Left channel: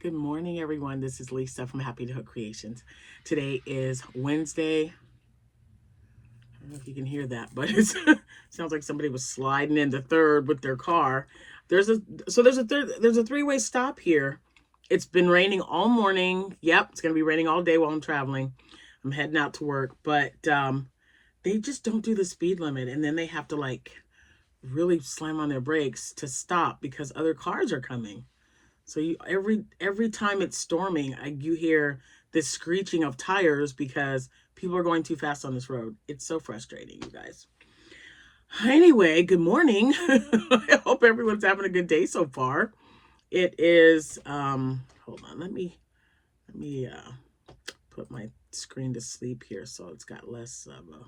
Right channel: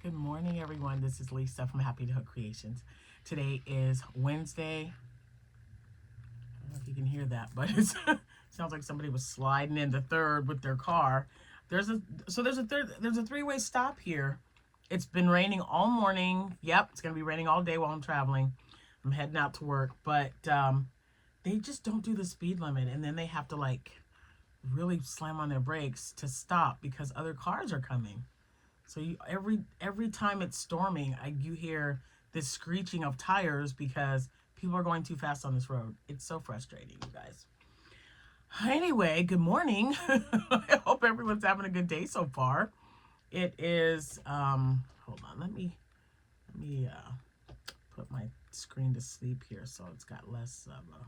Good morning, everyone. This is Lisa from Happytohook Creations. Today is Wednesday. I don't know if you can hear that, but it sounds like somebody was sliding in the third with their car. There's a three-way stop here. It's been raining all morning. Yep, it's gonna be raining all day while I'm traveling. I'm heading out to work, but they just don't do the speed limit, and then they have to like really slam on their brakes to stop because other cars are coming. So every time it's storming, you hear this screeching of tires because people are going too fast on this road. It's so frustrating, you guys. Anyway, good morning. I hope everyone's having a good day so far. It is hold on, let me put my screen to sleep here so it's got less of a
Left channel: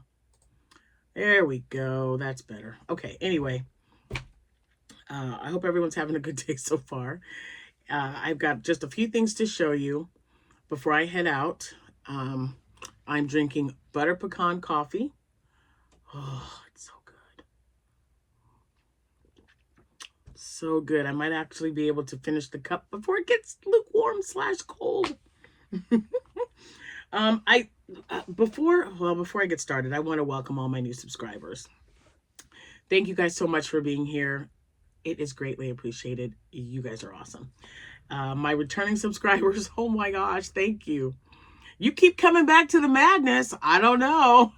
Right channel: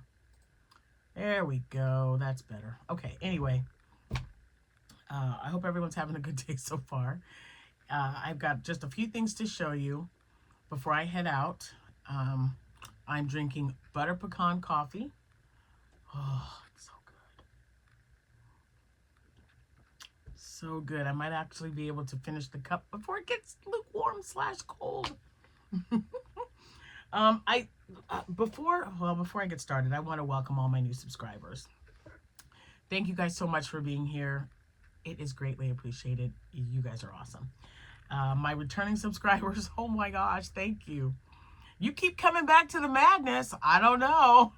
there we go. That's better. Okay, anyway. I hope everyone's having a good day so far. I've got just a few things to show you before I head out. I'm drinking butter pecan coffee. Oh, it's so good. So good. I might actually be able to finish the cup before it gets lukewarm / cold. Before I get started, I want to welcome all my new subscribers. Thank you guys so much for being here. It is greatly appreciated. You guys are awesome. My returning subscribers, oh my gosh, thank you. You keep coming back to the madness. I don't know.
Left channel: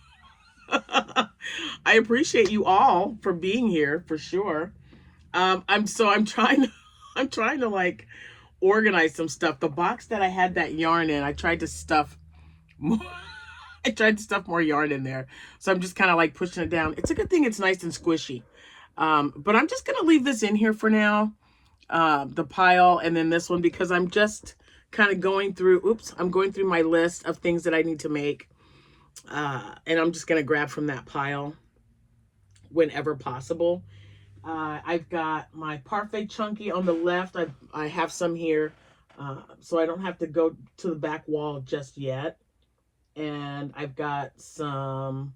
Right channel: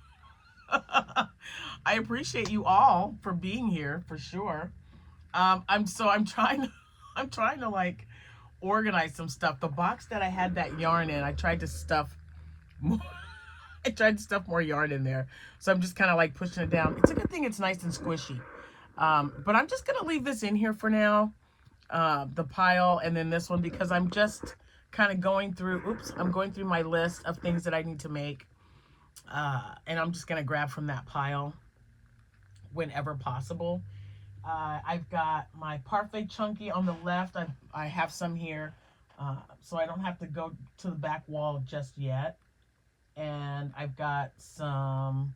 I appreciate you all for being here for sure. I'm trying to like organize some stuff. The box that I had that yarn in, I tried to stuff more. I tried to stuff more yarn in there. So I'm just kind of like pushing it down. It's a good thing it's nice and squishy. But I'm just going to leave this in here for now. The pile and then this one because I'm just kind of going through, I'm going through my list of things that I need to make. And I'm just going to grab from that pile whenever possible. I've got my Parfait Chunky on the left. I have some here, so I don't have to go to the back wall just yet. And I've got some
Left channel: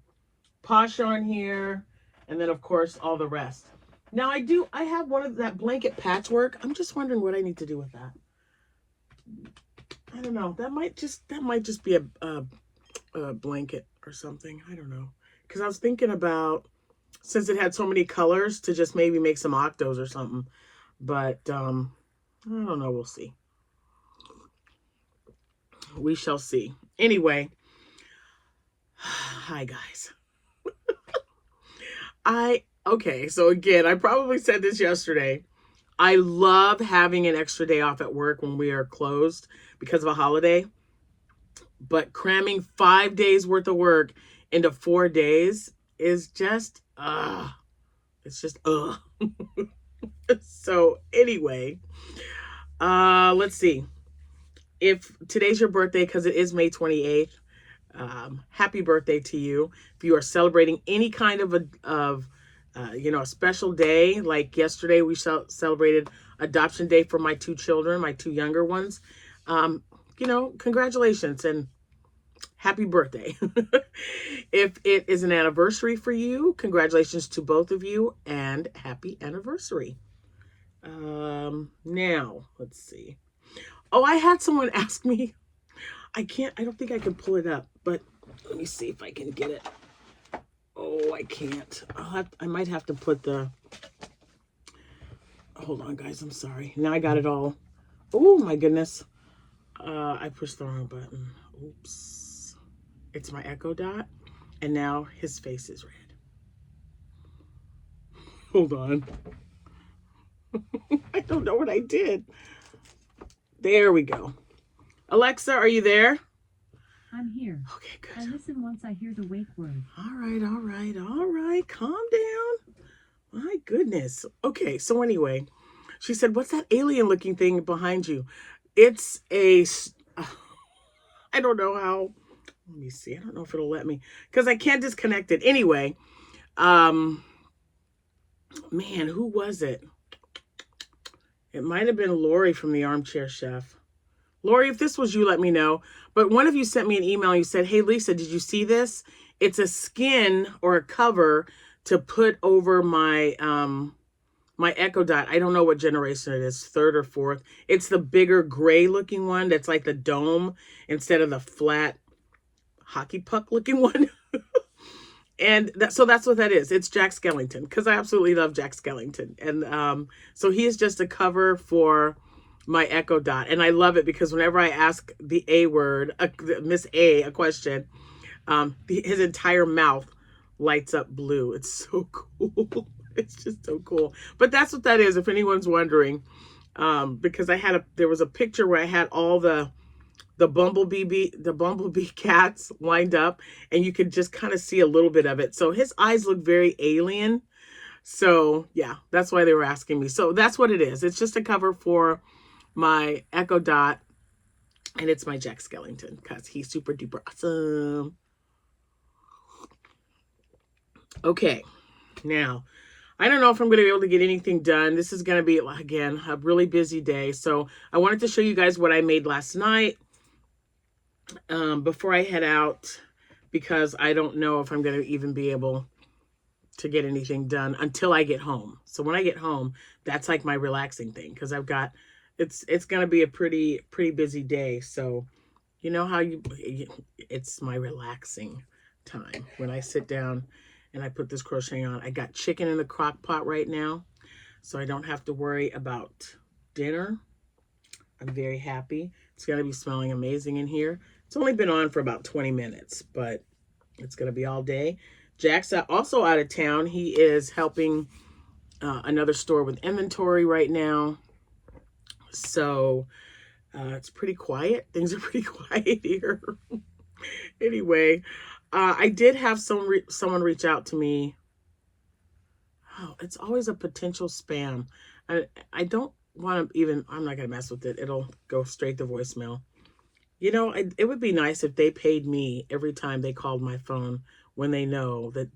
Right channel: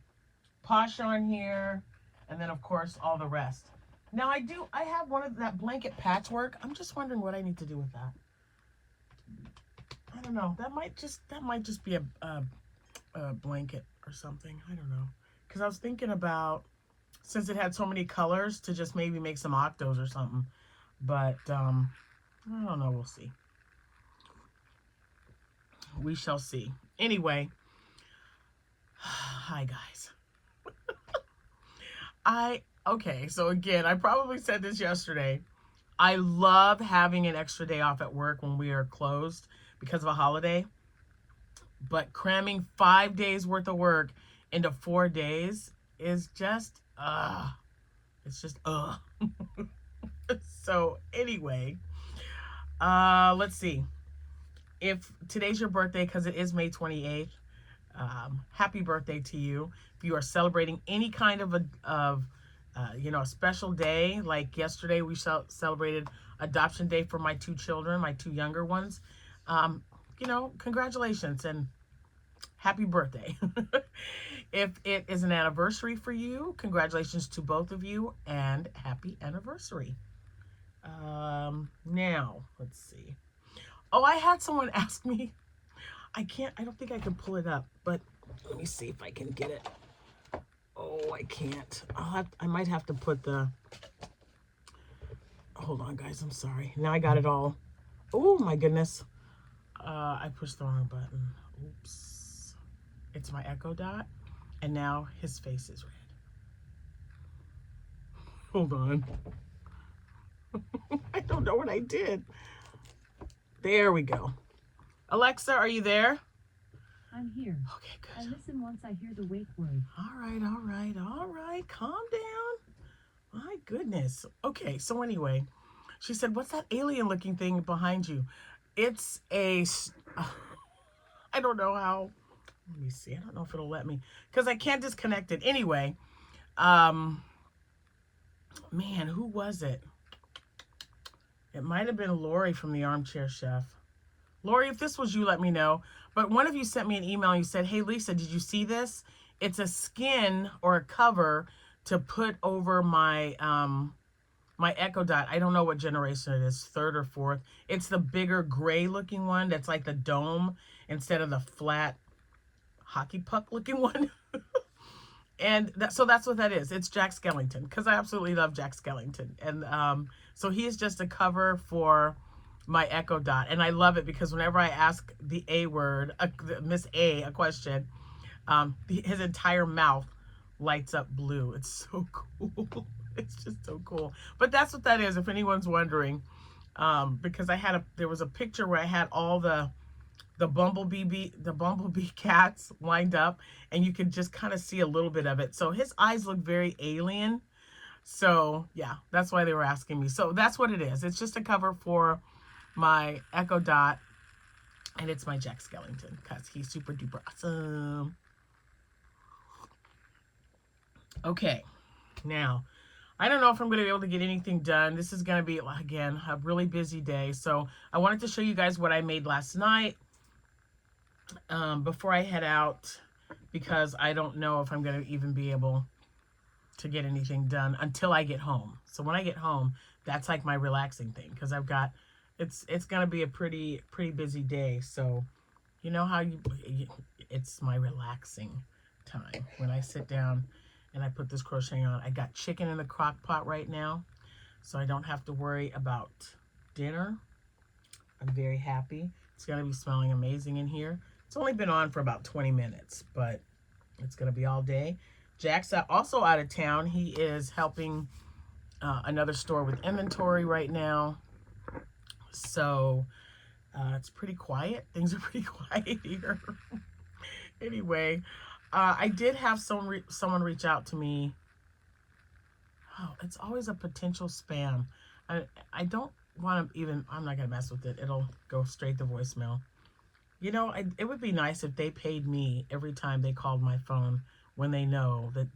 Posh yarn here, and then of course all the rest. Now I have one of that blanket patchwork. I'm just wondering what I need to do with that. I don't know. That might just be a blanket or something. I don't know. Because I was thinking about, since it had so many colors, to just maybe make some octos or something. But I don't know. We'll see. We shall see. Anyway, hi guys. Okay, so again, I probably said this yesterday. I love having an extra day off at work when we are closed because of a holiday. But cramming 5 days worth of work into 4 days is just, it's just, So anyway, let's see. If today's your birthday, because it is May 28th, happy birthday to you. If you are celebrating any kind of a special day, like yesterday we celebrated adoption day for my 2 children, my 2 younger ones. Congratulations and happy birthday. If it is an anniversary for you, congratulations to both of you and happy anniversary. Now, let's see. Oh, I had someone ask me. I don't think I can pull it up, but let me see if I can get it. Oh, I can't. I might have to put hold on, guys. I'm sorry. Now I got it all. Oh, my goodness. I pushed the wrong button. Oops. It's my Echo Dot, and now his face is red. Hold on. I don't know what I did. There we go. Alexa, are you there? I'm here. Okay, good. I listen once I hear the wake word. All right. Calm down. My goodness. Okay, so anyway, she said, what's that alien looking thing behind you? It's I don't know how. Let me see. I don't know if it'll let me because I can't disconnect it. Anyway, man, who was it? It might have been Lori from the Armchair Chef. Lori, if this was you, let me know. But one of you sent me an email and you said, hey, Lisa, did you see this? It's a skin or a cover to put over my my Echo Dot. I don't know what generation it is, third or fourth. It's the bigger gray looking one that's like the dome instead of the flat hockey puck looking one. And so that's what that is. It's Jack Skellington, because I absolutely love Jack Skellington. And so he is just a cover for my Echo Dot. And I love it because whenever I ask the A word, Miss A, a question, his entire mouth lights up blue. It's so cool. It's just so cool. But that's what that is, if anyone's wondering. Because there was a picture where I had all the bumblebee cats lined up, and you could just kind of see a little bit of it. So his eyes look very alien. So yeah, that's why they were asking me. So that's what it is. It's just a cover for my Echo Dot, and it's my Jack Skellington because he's super duper awesome. Okay, now I don't know if I'm going to be able to get anything done. This is going to be, again, a really busy day. So I wanted to show you guys what I made last night before I head out, because I don't know if I'm going to even be able to get anything done until I get home. So when I get home, that's like my relaxing thing, because it's going to be a pretty busy day. So you know how it's my relaxing time when I sit down and I put this crocheting on. I got chicken in the crock pot right now, so I don't have to worry about dinner. I'm very happy. It's going to be smelling amazing in here. It's only been on for about 20 minutes, but it's going to be all day. Jack's also out of town. He is helping another store with inventory right now. So it's pretty quiet. Things are pretty quiet here. Anyway, I did have someone reach out to me. Oh, it's always a potential spam. I don't want to even, I'm not going to mess with it. It'll go straight to voicemail. You know, it would be nice if they paid me every time they called my phone, when they know that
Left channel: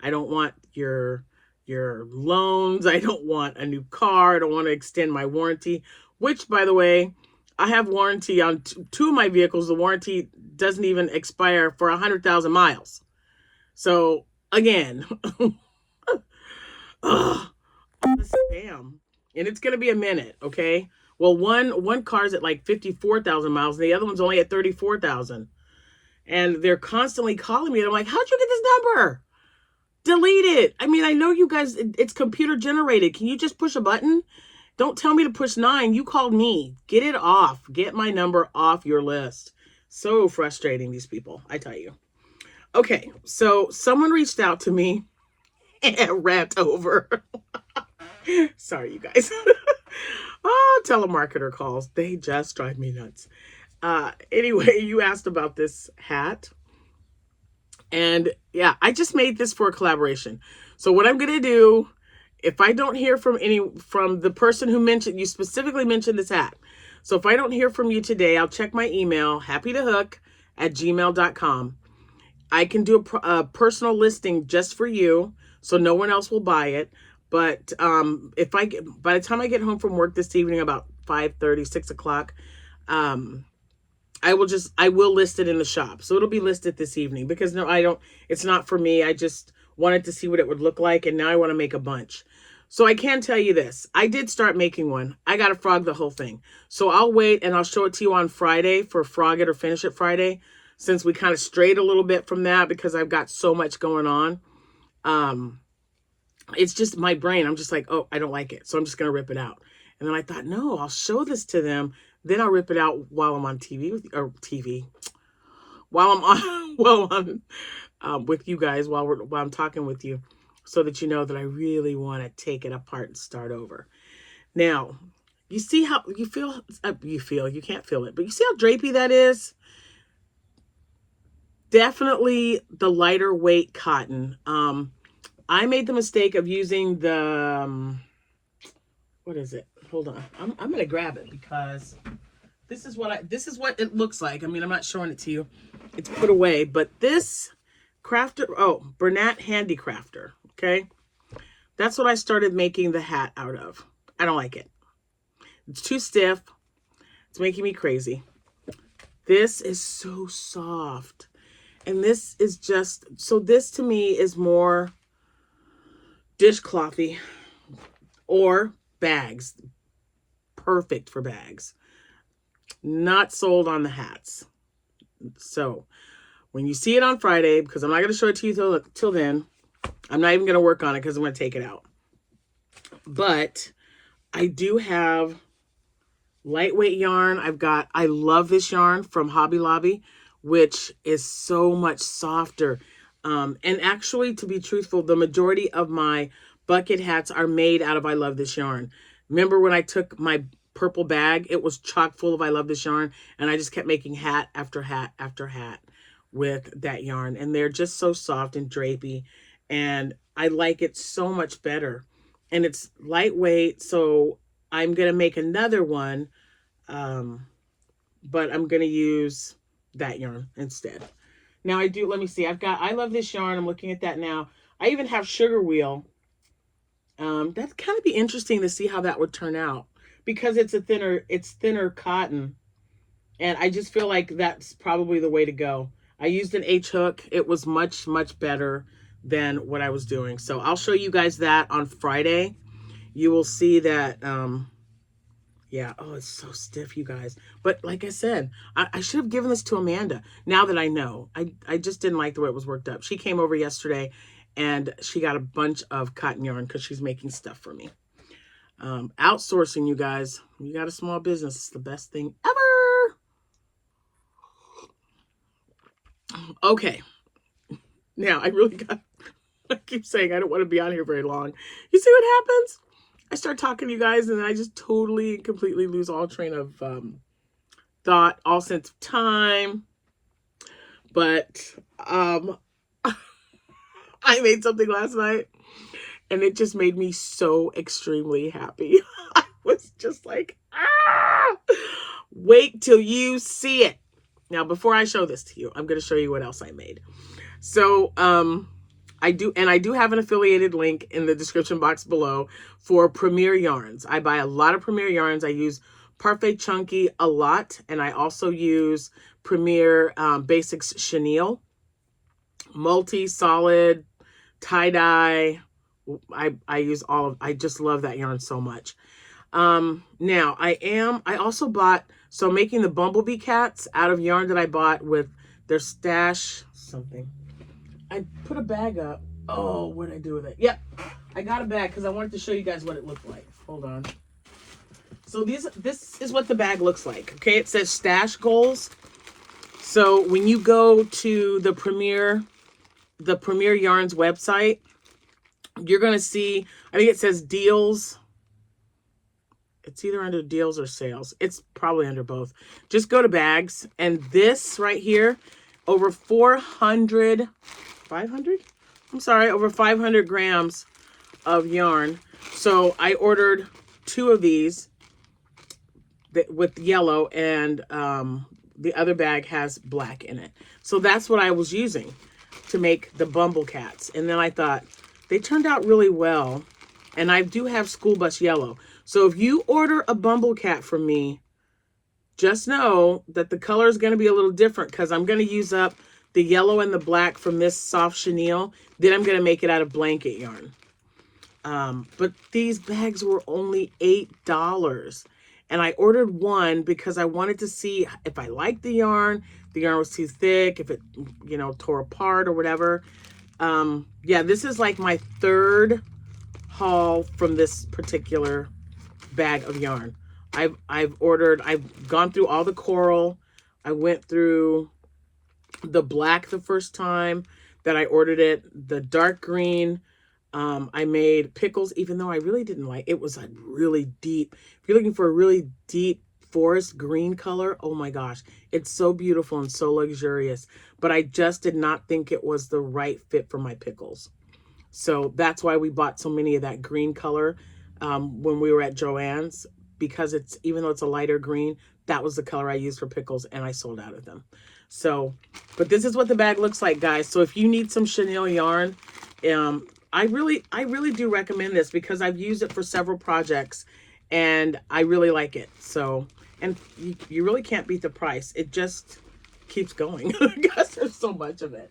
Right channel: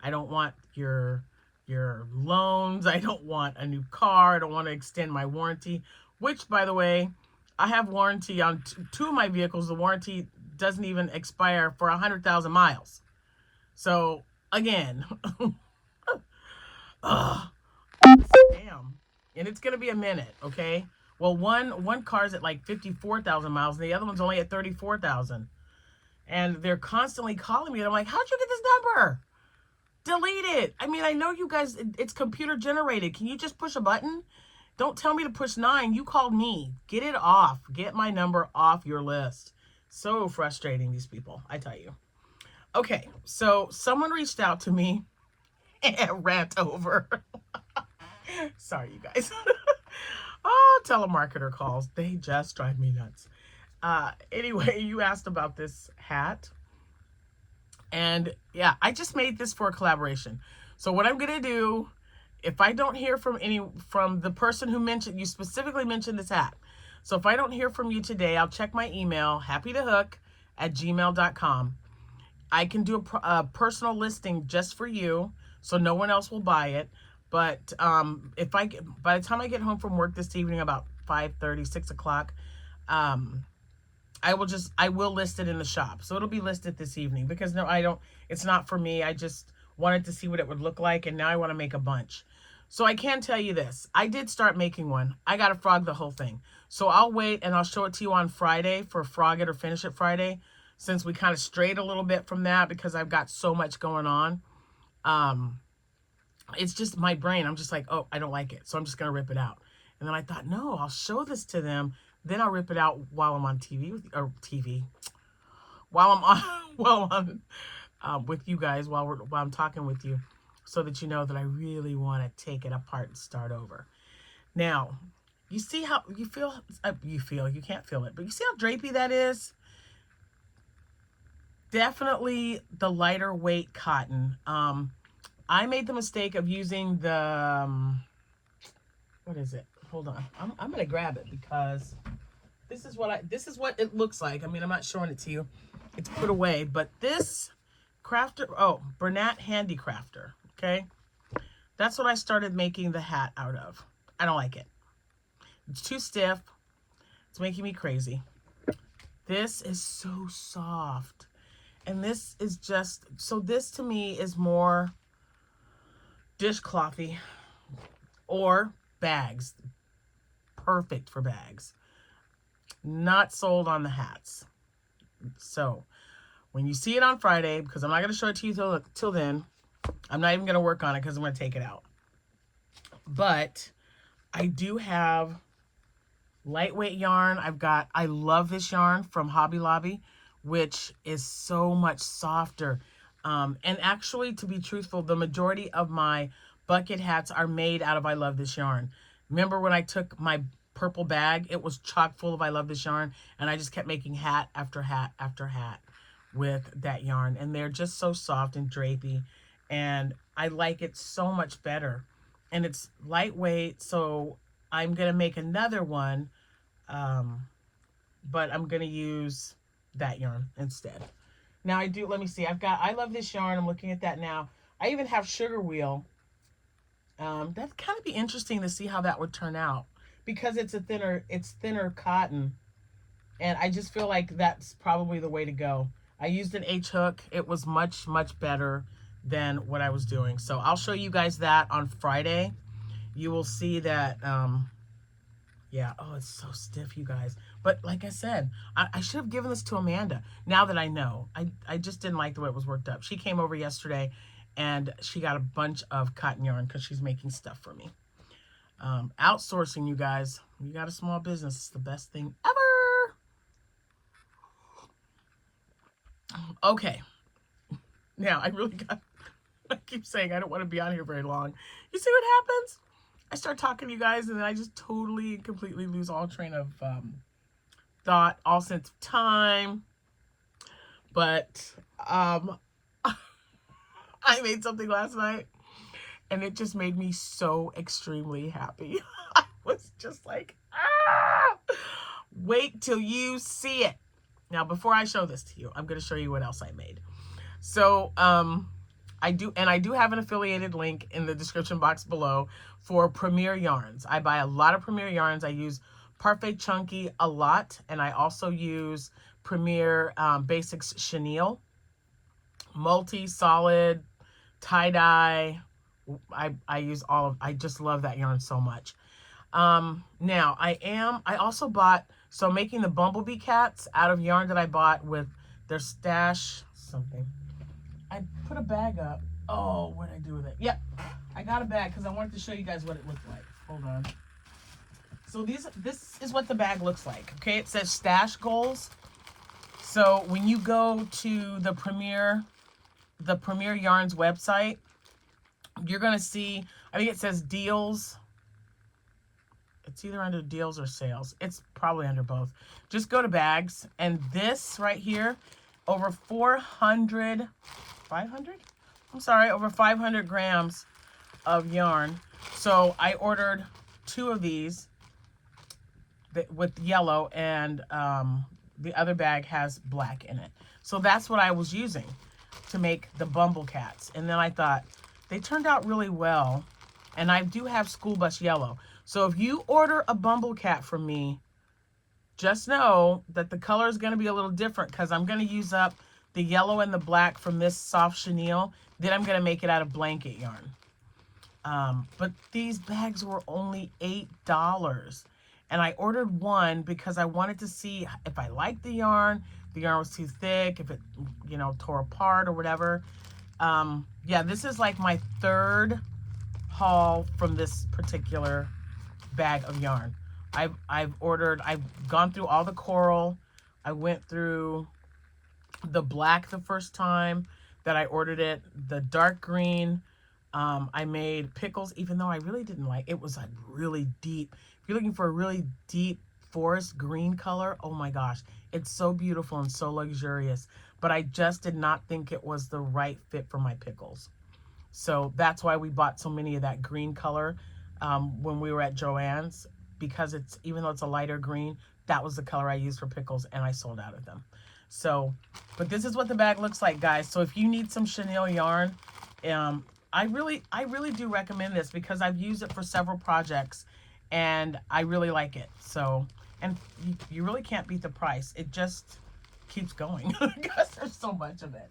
I don't want your loans. I don't want a new car. I don't want to extend my warranty, which, by the way, I have warranty on two of my vehicles. The warranty doesn't even expire for 100,000 miles. So again, damn. And it's going to be a minute. Okay. Well, one car's at like 54,000 miles, and the other one's only at 34,000. And they're constantly calling me. And I'm like, how'd you get this number? Delete it. I mean, I know you guys, it's computer generated. Can you just push a button? Don't tell me to push 9. You called me. Get it off. Get my number off your list. So frustrating, these people, I tell you. Okay, so someone reached out to me and rant over. Sorry, you guys. Oh, telemarketer calls. They just drive me nuts. Anyway, you asked about this hat. And yeah, I just made this for a collaboration. So what I'm going to do, if I don't hear from the person who mentioned, you specifically mentioned this hat. So if I don't hear from you today, I'll check my email, happytohook@gmail.com. I can do a personal listing just for you, so no one else will buy it. But by the time I get home from work this evening, about 5:30, 6 o'clock, I will list it in the shop. So it'll be listed this evening, because it's not for me. I just wanted to see what it would look like, and now I want to make a bunch. So I can tell you this. I did start making one. I got to frog the whole thing. So I'll wait and I'll show it to you on Friday for Frog It or Finish It Friday, since we kind of strayed a little bit from that because I've got so much going on. It's just my brain. I'm just like, oh, I don't like it, so I'm just going to rip it out. And then I thought, no, I'll show this to them. Then I'll rip it out while I'm on while I'm on with you guys, while I'm talking with you, so that you know that I really want to take it apart and start over. Now, you see how you feel, you can't feel it, but you see how drapey that is? Definitely the lighter weight cotton. I made the mistake of using the, what is it? Hold on. I'm going to grab it, because this is what it looks like. I mean, I'm not showing it to you. It's put away, but this Bernat Handicrafter. Okay. That's what I started making the hat out of. I don't like it. It's too stiff. It's making me crazy. This is so soft. And this is this to me is more dishclothy. or bags. Perfect for bags. Not sold on the hats. So when you see it on Friday, because I'm not going to show it to you till then, I'm not even going to work on it because I'm going to take it out. But I do have lightweight yarn. I love this yarn from Hobby Lobby, which is so much softer. And actually, to be truthful, the majority of my bucket hats are made out of I Love This Yarn. Remember when I took my purple bag, it was chock full of I Love This Yarn, and I just kept making hat after hat after hat with that yarn. And they're just so soft and drapey, and I like it so much better. And it's lightweight, so I'm going to make another one, but I'm going to use that yarn instead. Now let me see, I Love This Yarn. I'm looking at that now. I even have Sugar Wheel. That's kind of be interesting to see how that would turn out because it's thinner cotton. And I just feel like that's probably the way to go. I used an H hook. It was much, much better than what I was doing. So I'll show you guys that on Friday. You will see that, yeah, oh, it's so stiff, you guys. But like I said, I should have given this to Amanda. Now that I know, I just didn't like the way it was worked up. She came over yesterday and she got a bunch of cotton yarn because she's making stuff for me. Outsourcing, you guys. You got a small business. It's the best thing ever. Okay. Now, I keep saying I don't want to be on here very long. You see what happens? I start talking to you guys and then I just totally and completely lose all train of thought, all sense of time. But I made something last night and it just made me so extremely happy. I was just like, wait till you see it. Now, before I show this to you, I'm going to show you what else I made. So, I do have an affiliated link in the description box below for Premier Yarns. I buy a lot of Premier Yarns. I use Parfait Chunky a lot, and I also use Premier Basics Chenille, multi, solid, tie-dye. I just love that yarn so much. Now I also bought, so making the Bumblebee cats out of yarn that I bought with their stash something. I put a bag up. Oh, what did I do with it? Yep, I got a bag because I wanted to show you guys what it looked like. Hold on. So this is what the bag looks like. Okay, it says stash goals. So when you go to the Premier Yarns website, you're gonna see, I think it says deals. It's either under deals or sales. It's probably under both. Just go to bags, and this right here, over 500 grams of yarn. So I ordered 2 of these with yellow, and the other bag has black in it. So that's what I was using to make the Bumble Cats. And then I thought, they turned out really well. And I do have School Bus Yellow. So if you order a Bumble Cat from me, just know that the color is going to be a little different because I'm going to use up the yellow and the black from this soft chenille. Then I'm going to make it out of blanket yarn. But these bags were only $8. And I ordered one because I wanted to see if I liked the yarn was too thick, if it, tore apart or whatever. Yeah, this is like my 3rd haul from this particular bag of yarn. I've gone through all the coral. I went through the black the first time that I ordered it, the dark green. I made pickles, even though I really didn't like it. Was a really deep, if you're looking for a really deep forest green color, oh my gosh, it's so beautiful and so luxurious. But I just did not think it was the right fit for my pickles. So that's why we bought so many of that green color when we were at Joann's, because even though it's a lighter green, that was the color I used for pickles, and I sold out of them. So, but this is what the bag looks like, guys. So if you need some chenille yarn, I really do recommend this because I've used it for several projects and I really like it. So, and you really can't beat the price. It just keeps going because there's so much of it.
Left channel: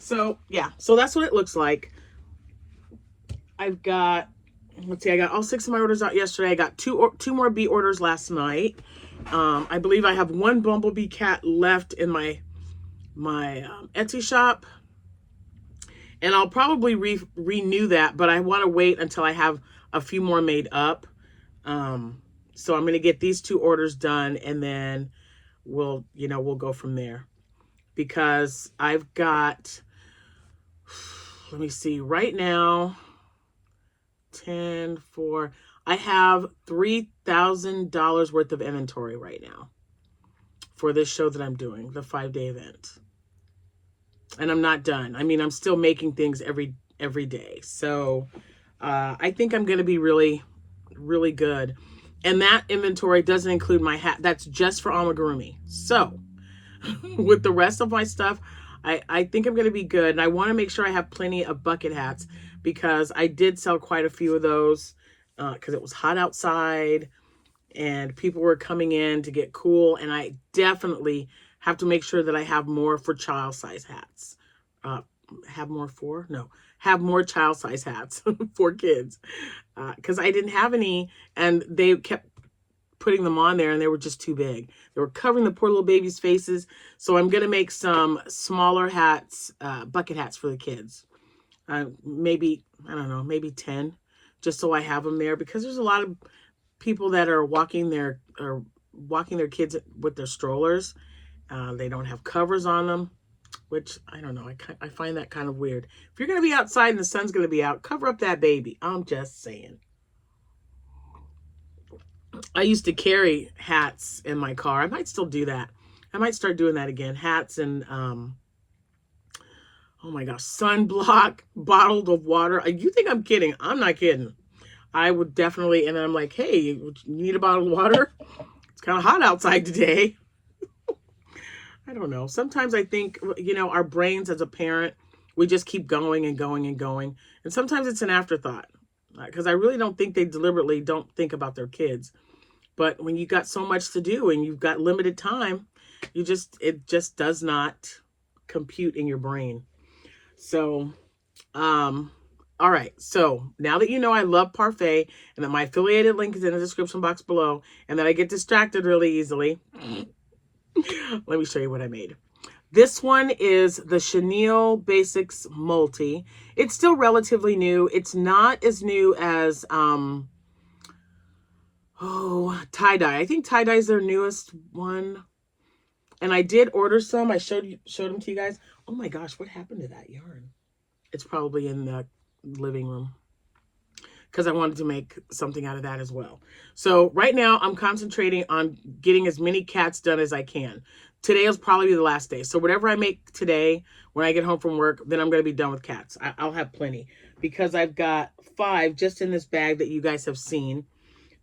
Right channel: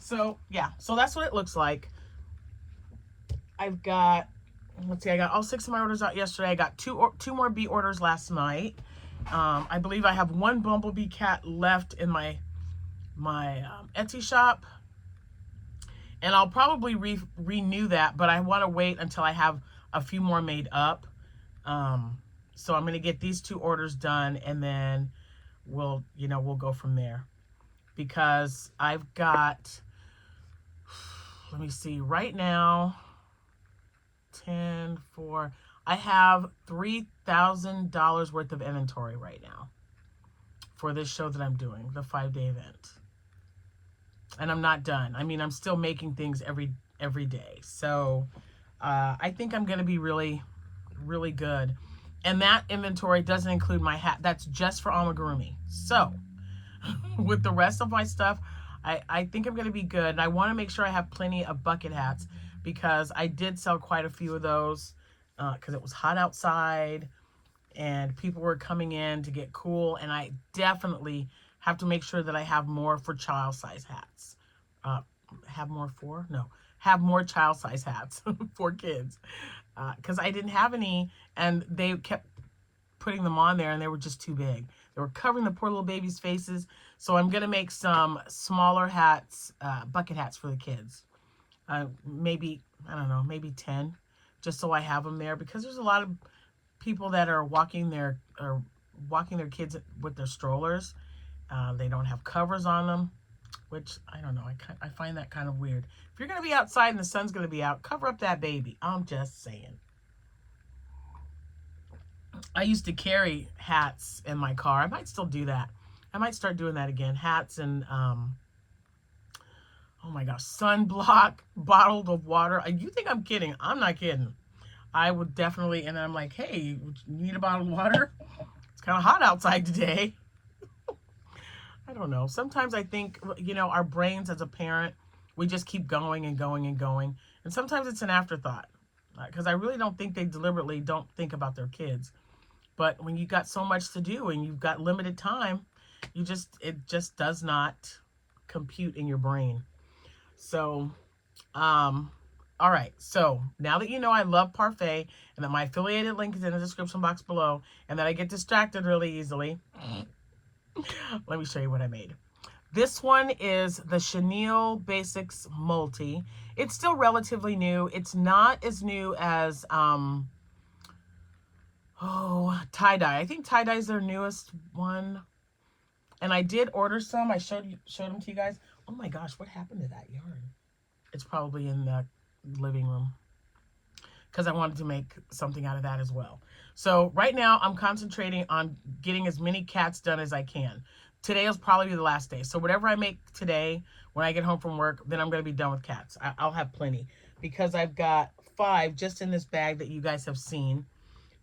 So yeah, so that's what it looks like. I've got let's see, I got all 6 of my orders out yesterday. I got two more bee orders last night. I believe I have one bumblebee cat left in my Etsy shop, and I'll probably renew that, but I want to wait until I have a few more made up. So I'm going to get these 2 orders done, and then we'll go from there, because I've got, let me see, right now, 10, 4, I have $3,000 worth of inventory right now for this show that I'm doing, the 5-day event. And I'm not done. I mean, I'm still making things every day. So I think I'm going to be really, really good. And that inventory doesn't include my hat. That's just for amigurumi. So with the rest of my stuff, I think I'm going to be good. And I want to make sure I have plenty of bucket hats, because I did sell quite a few of those because it was hot outside and people were coming in to get cool. And I definitely have to make sure that I have more for child size hats. Have more child size hats for kids, because I didn't have any, and they kept putting them on there and they were just too big. They were covering the poor little babies' faces. So I'm going to make some smaller hats, bucket hats for the kids. Maybe, I don't know, maybe 10, just so I have them there, because there's a lot of people that are walking their kids with their strollers. They don't have covers on them, which I don't know. I find that kind of weird. If you're going to be outside and the sun's going to be out, cover up that baby. I'm just saying. I used to carry hats in my car. I might still do that. I might start doing that again. Hats and, oh my gosh, sunblock, bottled of water. You think I'm kidding? I'm not kidding. I would definitely, and I'm like, hey, you need a bottle of water? It's kind of hot outside today. I don't know. Sometimes I think, our brains as a parent, we just keep going and going and going. And sometimes it's an afterthought, because I really don't think they deliberately don't think about their kids. But when you got so much to do and you've got limited time, it just does not compute in your brain. So, all right. So now that you know I love parfait, and that my affiliated link is in the description box below, and that I get distracted really easily, let me show you what I made. This one is the Chenille Basics Multi. It's still relatively new. It's not as new as tie-dye. I think tie-dye is their newest one. And I did order some. I showed them to you guys. Oh my gosh, what happened to that yarn? It's probably in the living room, because I wanted to make something out of that as well. So right now I'm concentrating on getting as many cats done as I can. Today will probably be the last day. So whatever I make today, when I get home from work, then I'm going to be done with cats. I'll have plenty, because I've got 5 just in this bag that you guys have seen.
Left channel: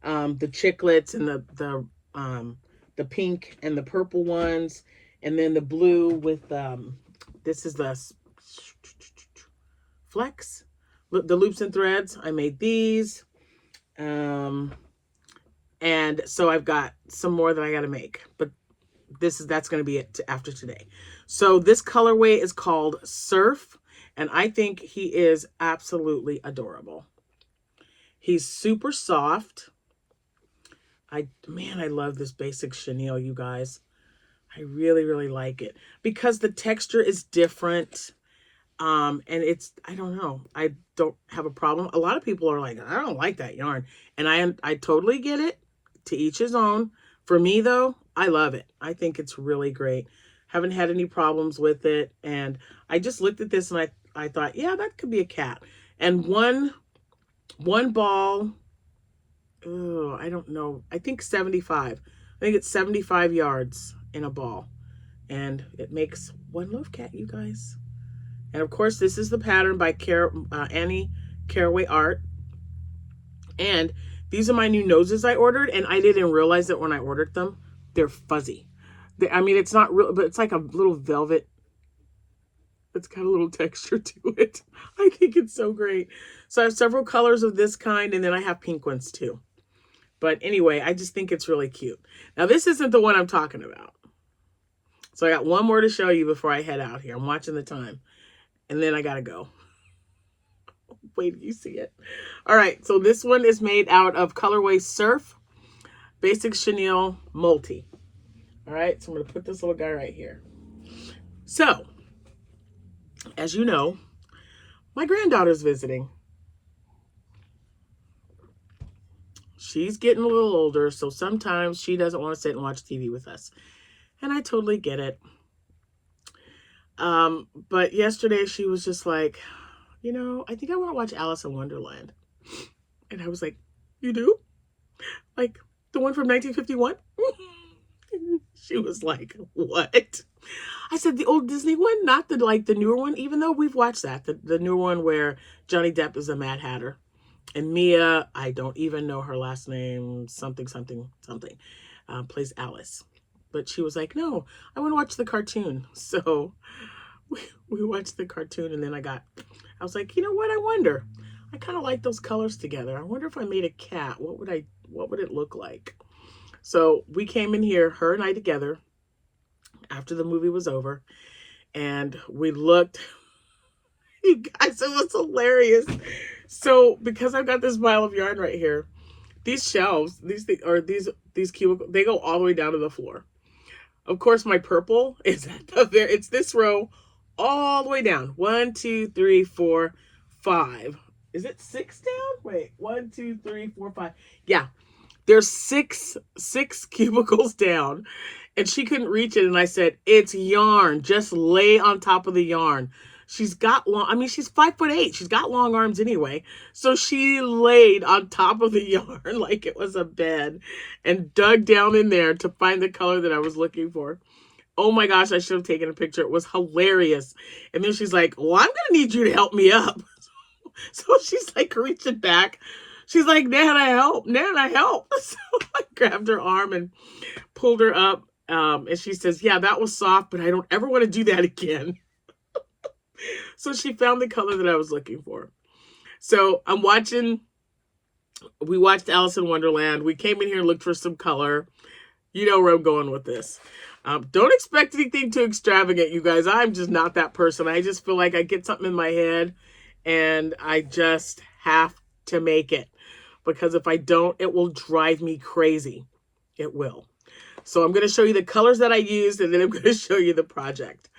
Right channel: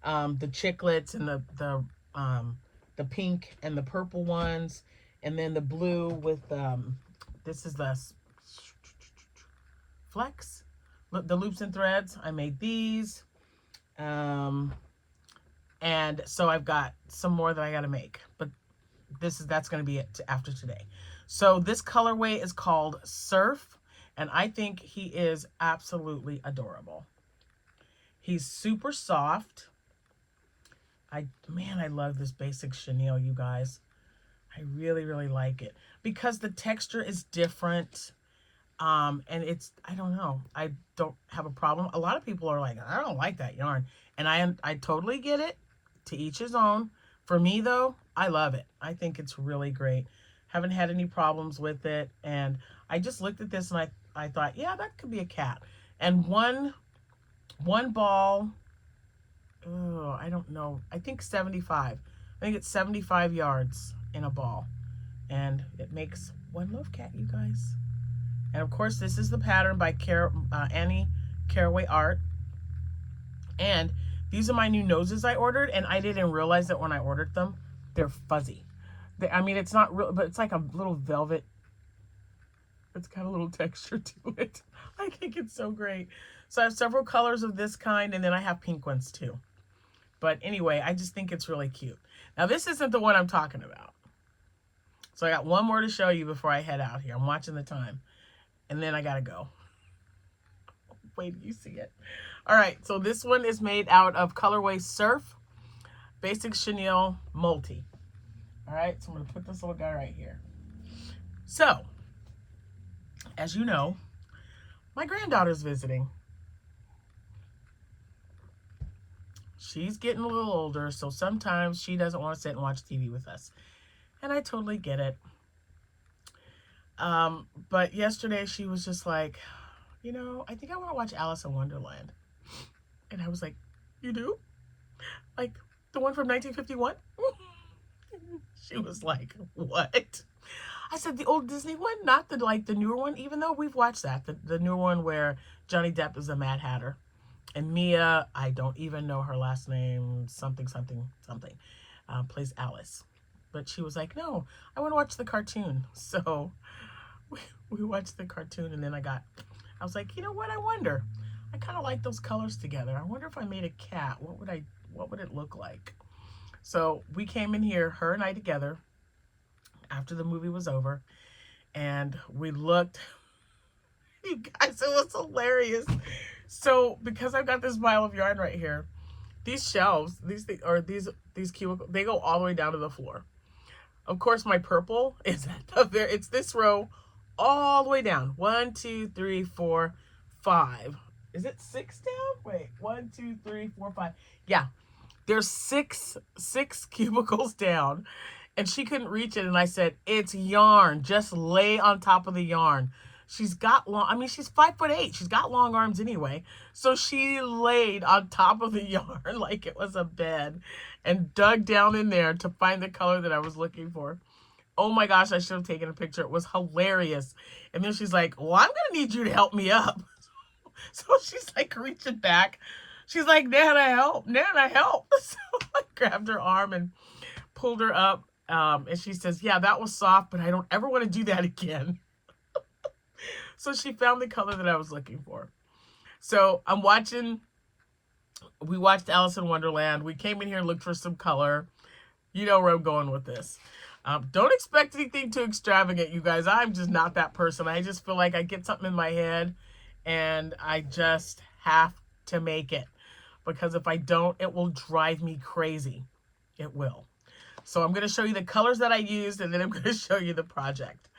The chiclets and the pink and the purple ones, and then the blue with this is the flex, the loops and threads. I made these, and so I've got some more that I got to make, but that's going to be it after today. So this colorway is called Surf, and I think he is absolutely adorable. He's super soft. I love this basic chenille, you guys. I really, really like it, because the texture is different. And it's, I don't know, I don't have a problem. A lot of people are like, I don't like that yarn. And I totally get it. To each his own. For me though, I love it. I think it's really great. Haven't had any problems with it. And I just looked at this and I thought, yeah, that could be a cat. And one ball, oh, I don't know. I think 75. I think it's 75 yards in a ball. And it makes one love cat, you guys. And of course, this is the pattern by Annie Caraway Art. And these are my new noses I ordered, and I didn't realize that when I ordered them. They're fuzzy. I mean, it's not real, but it's like a little velvet. It's got a little texture to it. I think it's so great. So I have several colors of this kind, and then I have pink ones too. But anyway, I just think it's really cute. Now, this isn't the one I'm talking about. So I got one more to show you before I head out here. I'm watching the time. And then I gotta go. Wait till you see it. All right, so this one is made out of colorway Surf, Basic Chenille, Multi. All right, so I'm going to put this little guy right here. So, as you know, my granddaughter's visiting. She's getting a little older, so sometimes she doesn't want to sit and watch TV with us. And I totally get it. But yesterday she was just like, you know, I think I want to watch Alice in Wonderland. And I was like, you do? Like the one from 1951? She was like, what? I said, the old Disney one, not the newer one, even though we've watched that. The newer one where Johnny Depp is a Mad Hatter. And Mia, I don't even know her last name, something, plays Alice. But she was like, no, I want to watch the cartoon. So we watched the cartoon, and then I was like, you know what, I wonder. I kind of like those colors together. I wonder if I made a cat, what would it look like? So we came in here, her and I together, after the movie was over, and we looked. You guys, it was hilarious. So because I've got this pile of yarn right here, these shelves, these cubicles, they go all the way down to the floor. Of course, my purple is there. It's this row all the way down. 1, 2, 3, 4, 5. Is it 6 down? Wait, 1, 2, 3, 4, 5. Yeah, there's six cubicles down, and she couldn't reach it. And I said, it's yarn. Just lay on top of the yarn. She's got she's 5'8". She's got long arms anyway. So she laid on top of the yarn like it was a bed and dug down in there to find the color that I was looking for. Oh my gosh, I should have taken a picture. It was hilarious. And then she's like, well, I'm going to need you to help me up. So she's like reaching back. She's like, Nana, help. Nana, help. So I grabbed her arm and pulled her up. And she says, yeah, that was soft, but I don't ever want to do that again. So she found the color that I was looking for. So we watched Alice in Wonderland. We came in here and looked for some color. You know where I'm going with this. Don't expect anything too extravagant, you guys. I'm just not that person. I just feel like I get something in my head and I just have to make it. Because if I don't, it will drive me crazy. It will. So I'm going to show you the colors that I used, and then I'm going to show you the project.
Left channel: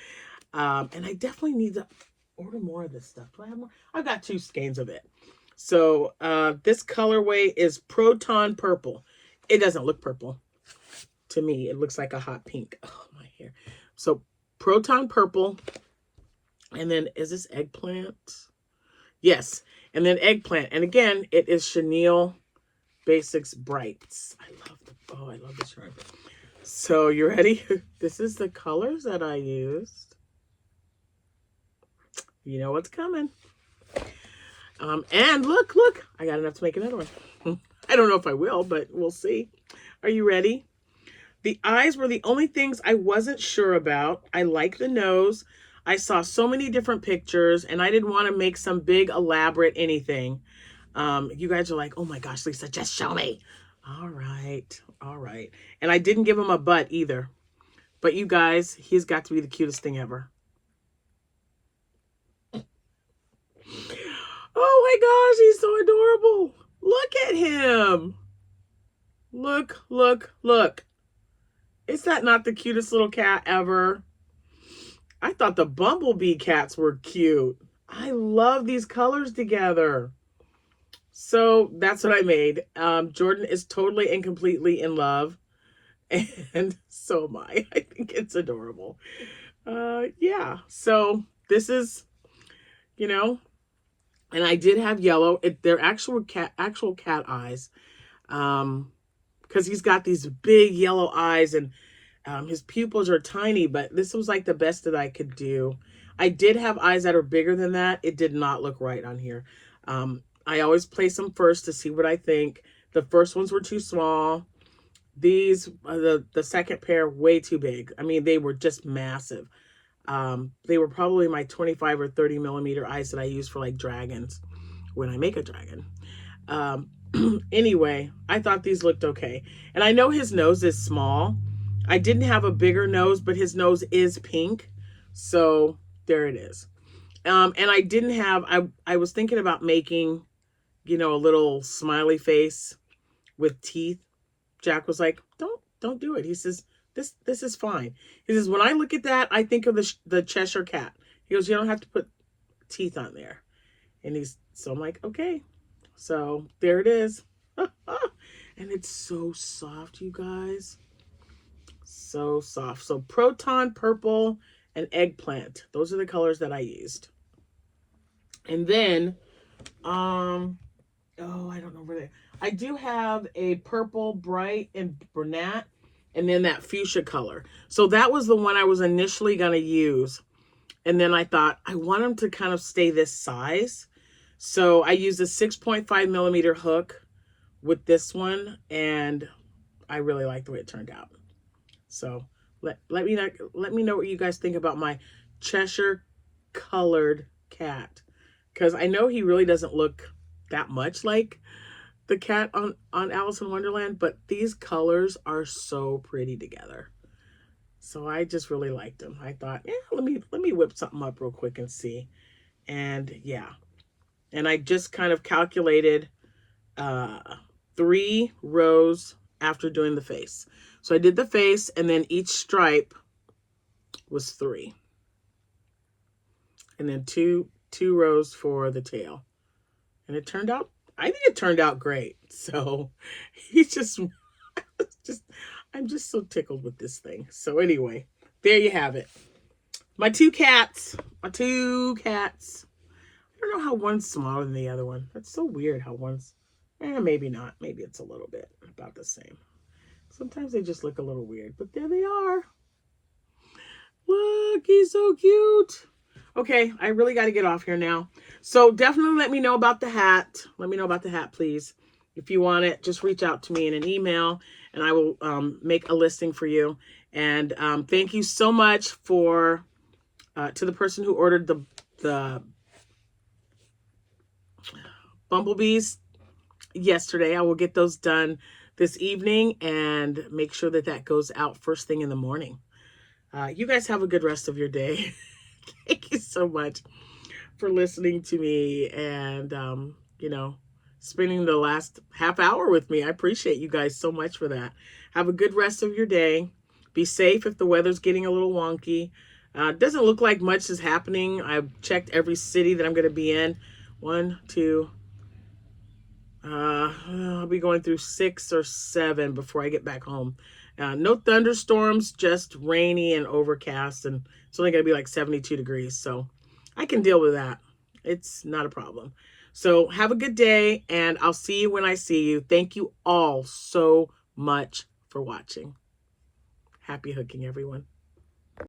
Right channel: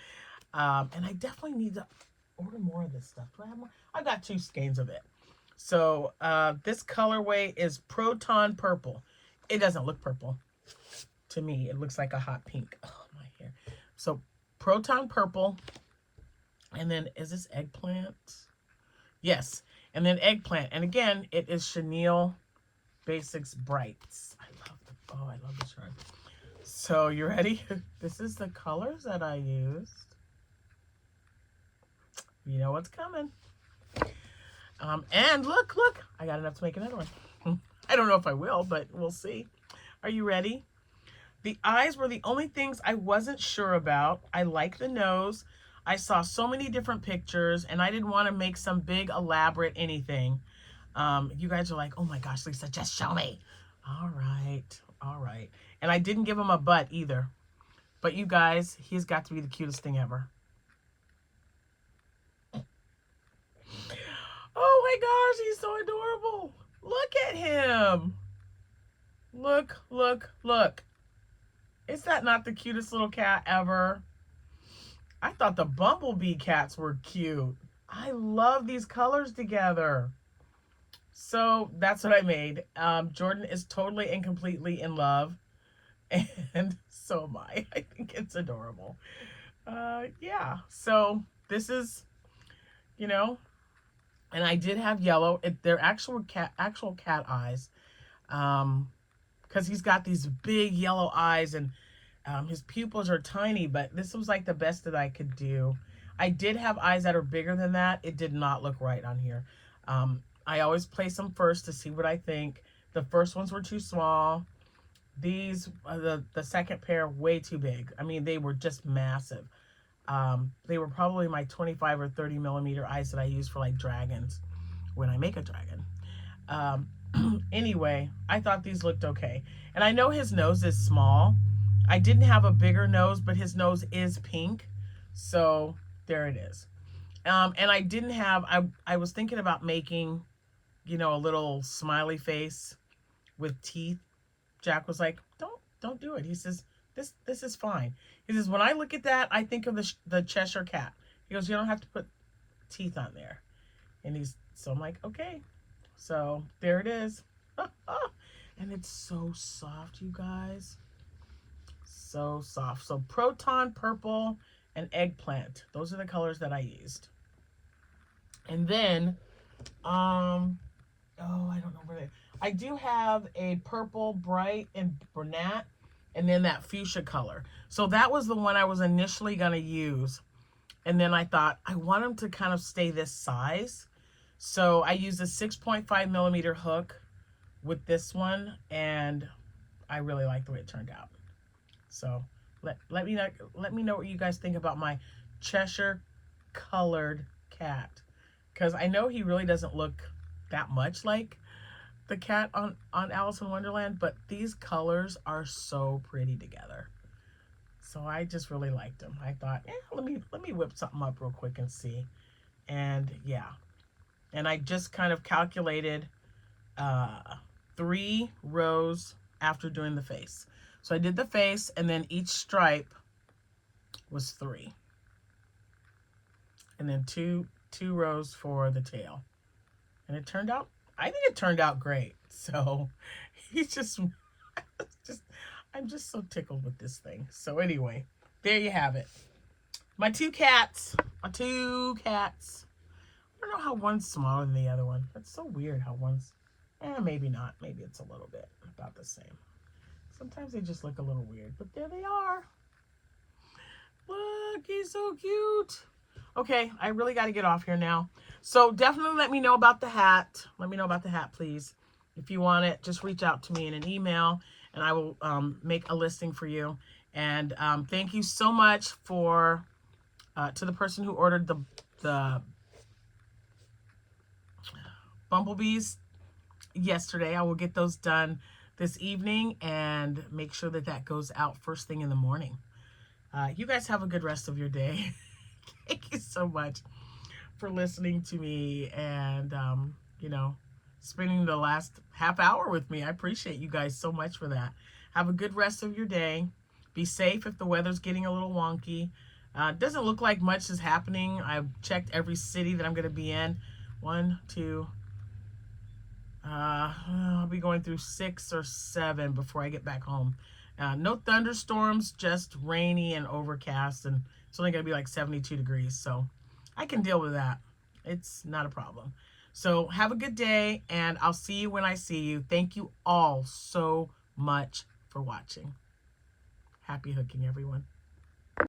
And I definitely need to order more of this stuff. Do I have more? I've got 2 skeins of it. So this colorway is Proton Purple. It doesn't look purple to me. It looks like a hot pink. Oh, my hair. So Proton Purple. And then is this Eggplant? Yes. And then Eggplant. And again, it is Chenille Basics Brights. I love this yarn. So you ready? This is the colors that I used. You know what's coming. And look, I got enough to make another one. I don't know if I will, but we'll see. Are you ready? The eyes were the only things I wasn't sure about. I like the nose. I saw so many different pictures, and I didn't want to make some big, elaborate anything. You guys are like, oh my gosh, Lisa, just show me. All right. And I didn't give him a butt either. But you guys, he's got to be the cutest thing ever. Oh my gosh, he's so adorable. Look at him. Look. Is that not the cutest little cat ever? I thought the bumblebee cats were cute. I love these colors together. So that's what I made. Jordan is totally and completely in love. And so am I. I think it's adorable. Yeah. So this is, you know, and I did have yellow. They're actual cat eyes. Because he's got these big yellow eyes, and his pupils are tiny, but this was like the best that I could do. I did have eyes that are bigger than that. It did not look right on here. I always place them first to see what I think. The first ones were too small. These, the second pair, way too big. I mean, they were just massive. They were probably my 25 or 30 millimeter eyes that I use for like dragons when I make a dragon. Anyway, I thought these looked okay. And I know his nose is small. I didn't have a bigger nose, but his nose is pink. So there it is. And I didn't have, I was thinking about making, you know, a little smiley face with teeth. Jack was like, don't do it. He says, this is fine. He says, when I look at that, I think of the Cheshire Cat. He goes, you don't have to put teeth on there. And so I'm like, okay. So there it is. And it's so soft, you guys. So soft. So Proton, Purple, and Eggplant. Those are the colors that I used. And then, oh, I don't know where they. I do have a purple, bright, and brunette, and then that fuchsia color. So that was the one I was initially going to use. And then I thought, I want them to kind of stay this size. So I used a 6.5 millimeter hook with this one, and I really like the way it turned out. So let me know what you guys think about my Cheshire colored cat, because I know he really doesn't look that much like the cat on Alice in Wonderland, but these colors are so pretty together. So I just really liked them. I thought, yeah, let me whip something up real quick and see. And yeah, and I just kind of calculated 3 rows after doing the face. So I did the face, and then each stripe was 3, and then two rows for the tail. And it turned out, I think it turned out great. So he's just I'm just so tickled with this thing. So anyway, there you have it. My two cats. I don't know how one's smaller than the other one. That's so weird how one's, maybe not. Maybe it's a little bit about the same. Sometimes they just look a little weird, but there they are. Look, he's so cute. Okay, I really got to get off here now. So definitely let me know about the hat. Let me know about the hat, please. If you want it, just reach out to me in an email, and I will make a listing for you. And thank you so much for to the person who ordered the bumblebees yesterday. I will get those done this evening and make sure that that goes out first thing in the morning. You guys have a good rest of your day. Thank you so much for listening to me and, you know, spending the last half hour with me. I appreciate you guys so much for that. Have a good rest of your day. Be safe if the weather's getting a little wonky. Doesn't look like much is happening. I've checked every city that I'm going to be in. 1, 2, I'll be going through 6 or 7 before I get back home. No thunderstorms, just rainy and overcast, and it's only going to be like 72 degrees, so I can deal with that. It's not a problem. So have a good day, and I'll see you when I see you. Thank you all so much for watching. Happy hooking, everyone.